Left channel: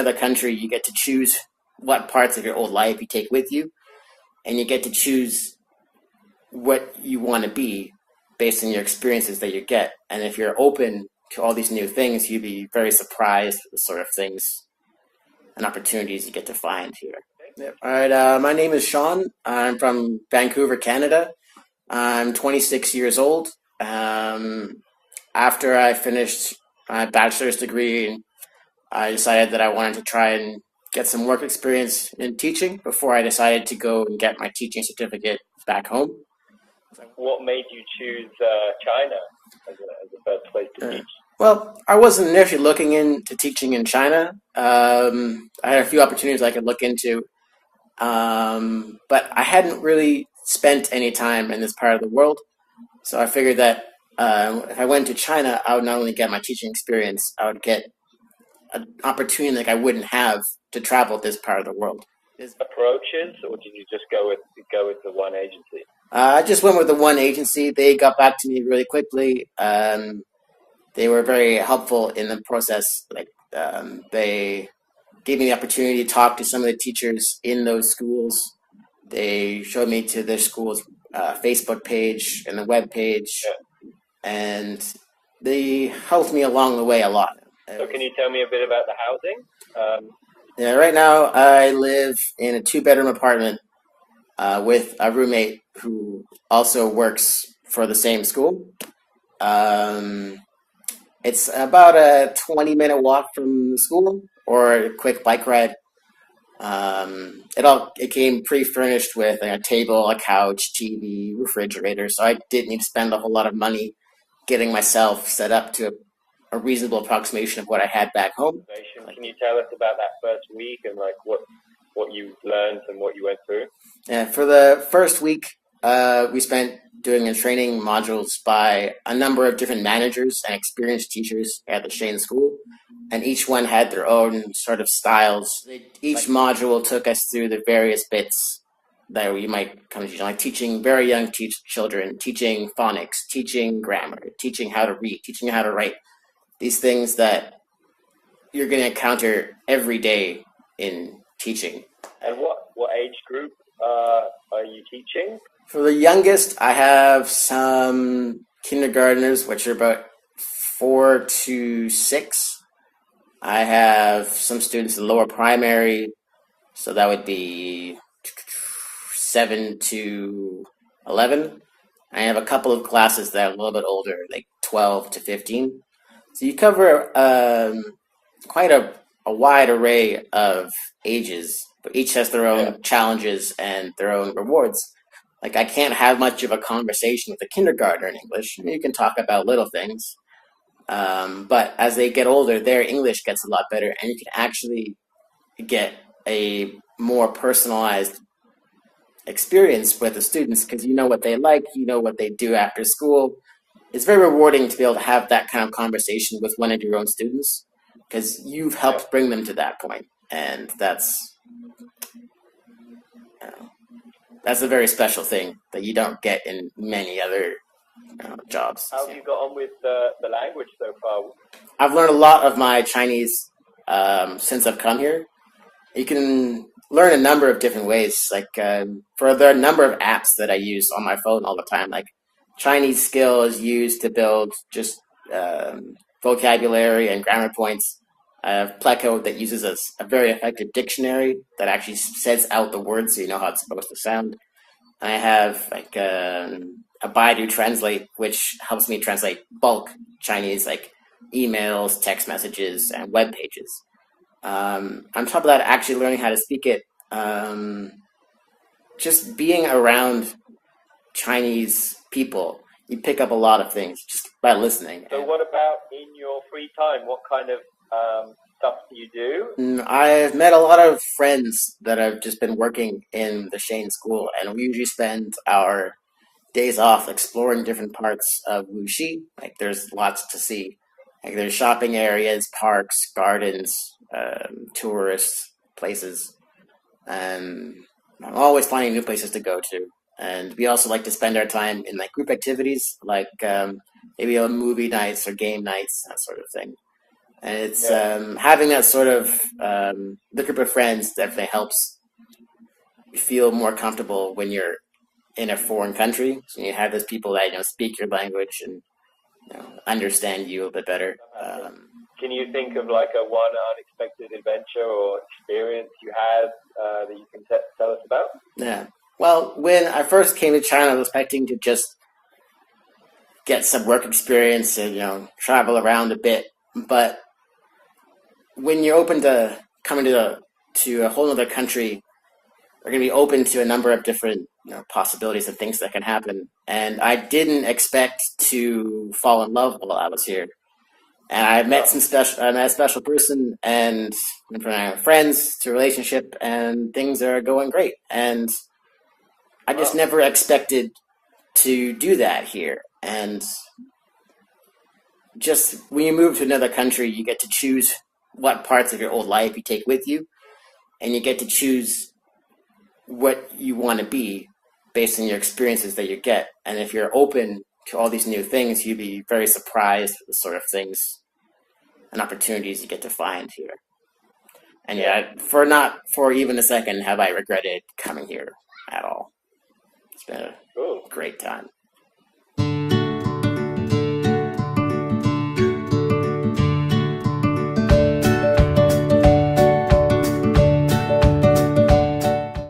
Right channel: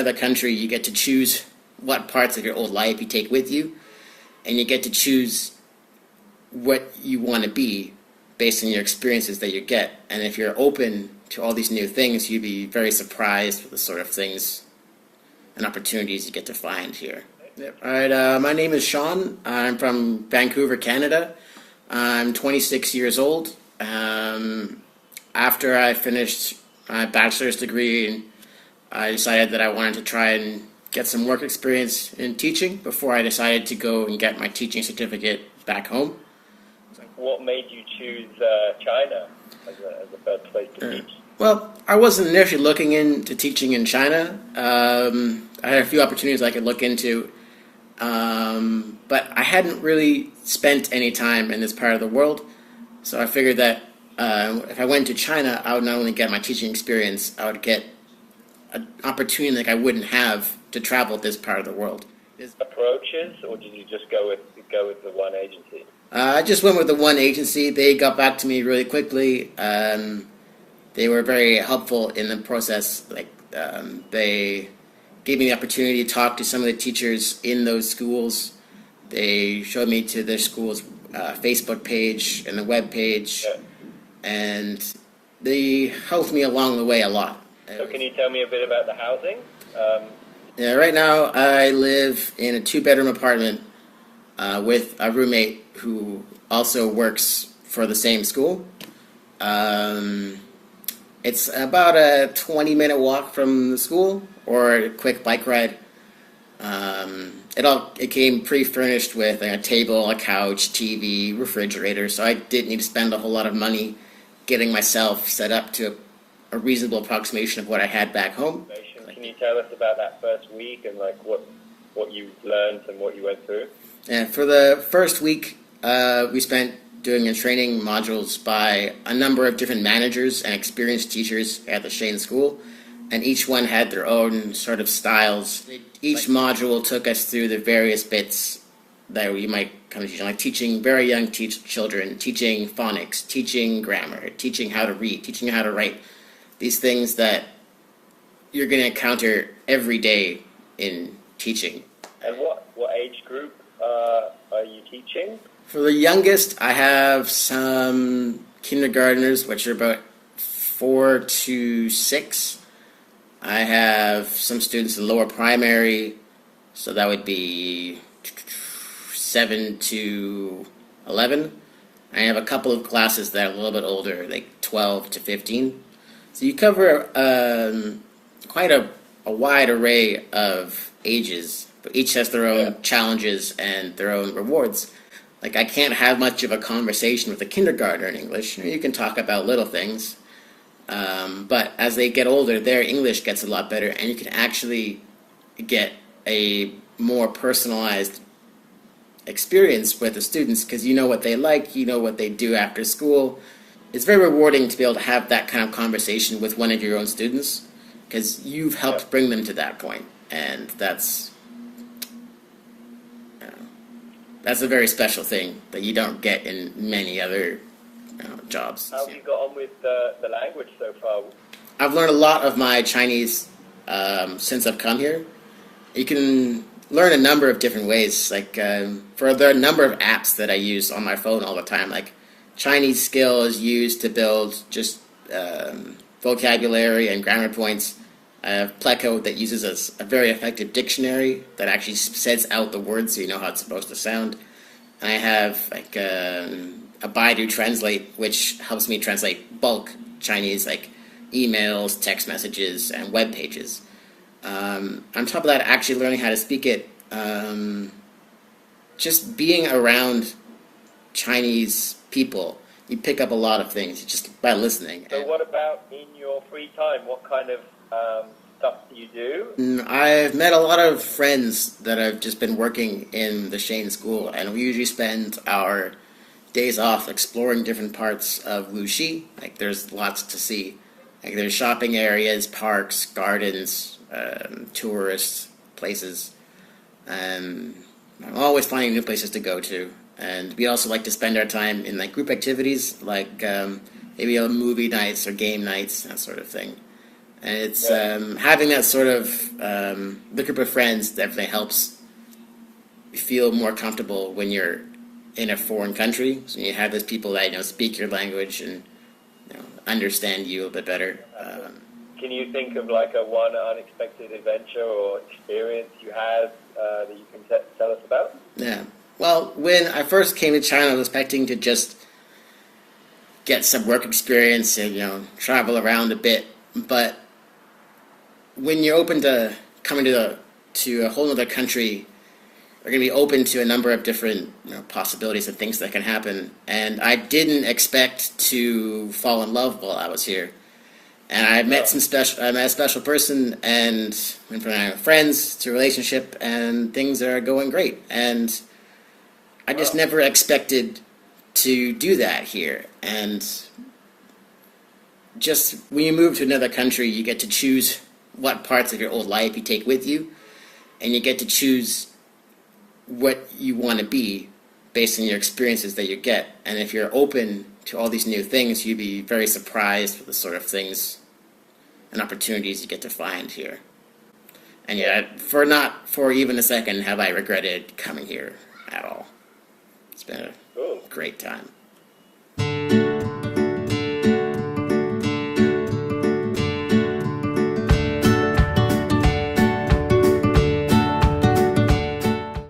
another country, you get to choose what parts of your old life you take with you, and you get to choose what you want to be based on your experiences that you get. And if you're open to all these new things, you'd be very surprised with the sort of things and opportunities you get to find here. Yep. All right, my name is Sean. I'm from Vancouver, Canada. I'm 26 years old. After I finished my bachelor's degree, I decided that I wanted to try and get some work experience in teaching before I decided to go and get my teaching certificate back home. What made you choose China as a first place to teach? Well, I wasn't initially looking into teaching in China. I had a few opportunities I could look into, but I hadn't really spent any time in this part of the world. So I figured that if I went to China, I would not only get my teaching experience, I would get an opportunity like I wouldn't have to travel this part of the world. Approaches, or did you just go with the one agency? I just went with the one agency. They got back to me really quickly. They were very helpful in the process. They gave me the opportunity to talk to some of the teachers in those schools. They showed me to their school's Facebook page and the web page, and they helped me along the way a lot. So can you tell me a bit about the housing? Yeah, right now I live in a 2-bedroom apartment with a roommate who also works for the same school. It's about a 20-minute walk from the school, or a quick bike ride. It came pre-furnished with a table, a couch, TV, refrigerator, so I didn't need to spend a whole lot of money getting myself set up to a reasonable approximation of what I had back home. Can you tell us about that first week and what you learned and what you went through? Yeah, for the first week, we spent doing a training modules by a number of different managers and experienced teachers at the Shane School, and each one had their own sort of styles. Each module took us through the various bits that you might come to teach, like teaching very young children, teaching phonics, teaching grammar, teaching how to read, teaching how to write. These things that you're going to encounter every day in teaching. And what age group are you teaching? For the youngest, I have some kindergartners, which are about 4 to 6. I have some students in lower primary, so that would be 7 to 11. I have a couple of classes that are a little bit older, like 12 to 15. So you cover quite a wide array of ages, but each has their own challenges and their own rewards. Like, I can't have much of a conversation with a kindergartner in English. You can talk about little things, but as they get older, their English gets a lot better, and you can actually get a more personalized experience with the students because you know what they like, you know what they do after school. It's very rewarding to be able to have that kind of conversation with one of your own students because you've helped bring them to that point, and that's a very special thing that you don't get in many other jobs. How have you got on with the language so far? I've learned a lot of my Chinese since I've come here. You can learn a number of different ways. Like for the number of apps that I use on my phone all the time, like Chinese Skill is used to build just vocabulary and grammar points. I have Pleco that uses a very effective dictionary that actually says out the words so you know how it's supposed to sound. And I have like a Baidu Translate, which helps me translate bulk Chinese, like emails, text messages, and web pages. On top of that, actually learning how to speak it, just being around Chinese people, you pick up a lot of things just by listening. So what about in your free time? What kind of stuff do you do? I've met a lot of friends that have just been working in the Shane School, and we usually spend our days off exploring different parts of Wuxi. Like, there's lots to see. Like, there's shopping areas, parks, gardens, tourist places. I'm always finding new places to go to. And we also like to spend our time in like group activities, like maybe movie nights or game nights, that sort of thing. And it's having that sort of the group of friends definitely helps you feel more comfortable when you're in a foreign country. So you have those people that speak your language and understand you a little bit better. Can you think of like a one unexpected adventure or experience you had that you can tell us about? Yeah. Well, when I first came to China, I was expecting to just get some work experience and travel around a bit. But when you're open to coming to a whole other country, you're going to be open to a number of different possibilities and things that can happen. And I didn't expect to fall in love while I was here. And I met I met a special person, and went from friends to relationship, and things are going great. And I just never expected to do that here. And just when you move to another country, you get to choose what parts of your old life you take with you, and you get to choose what you want to be based on your experiences that you get. And if you're open to all these new things, you'd be very surprised with the sort of things and opportunities you get to find here. And not for even a second have I regretted coming here at all. It's been a great time.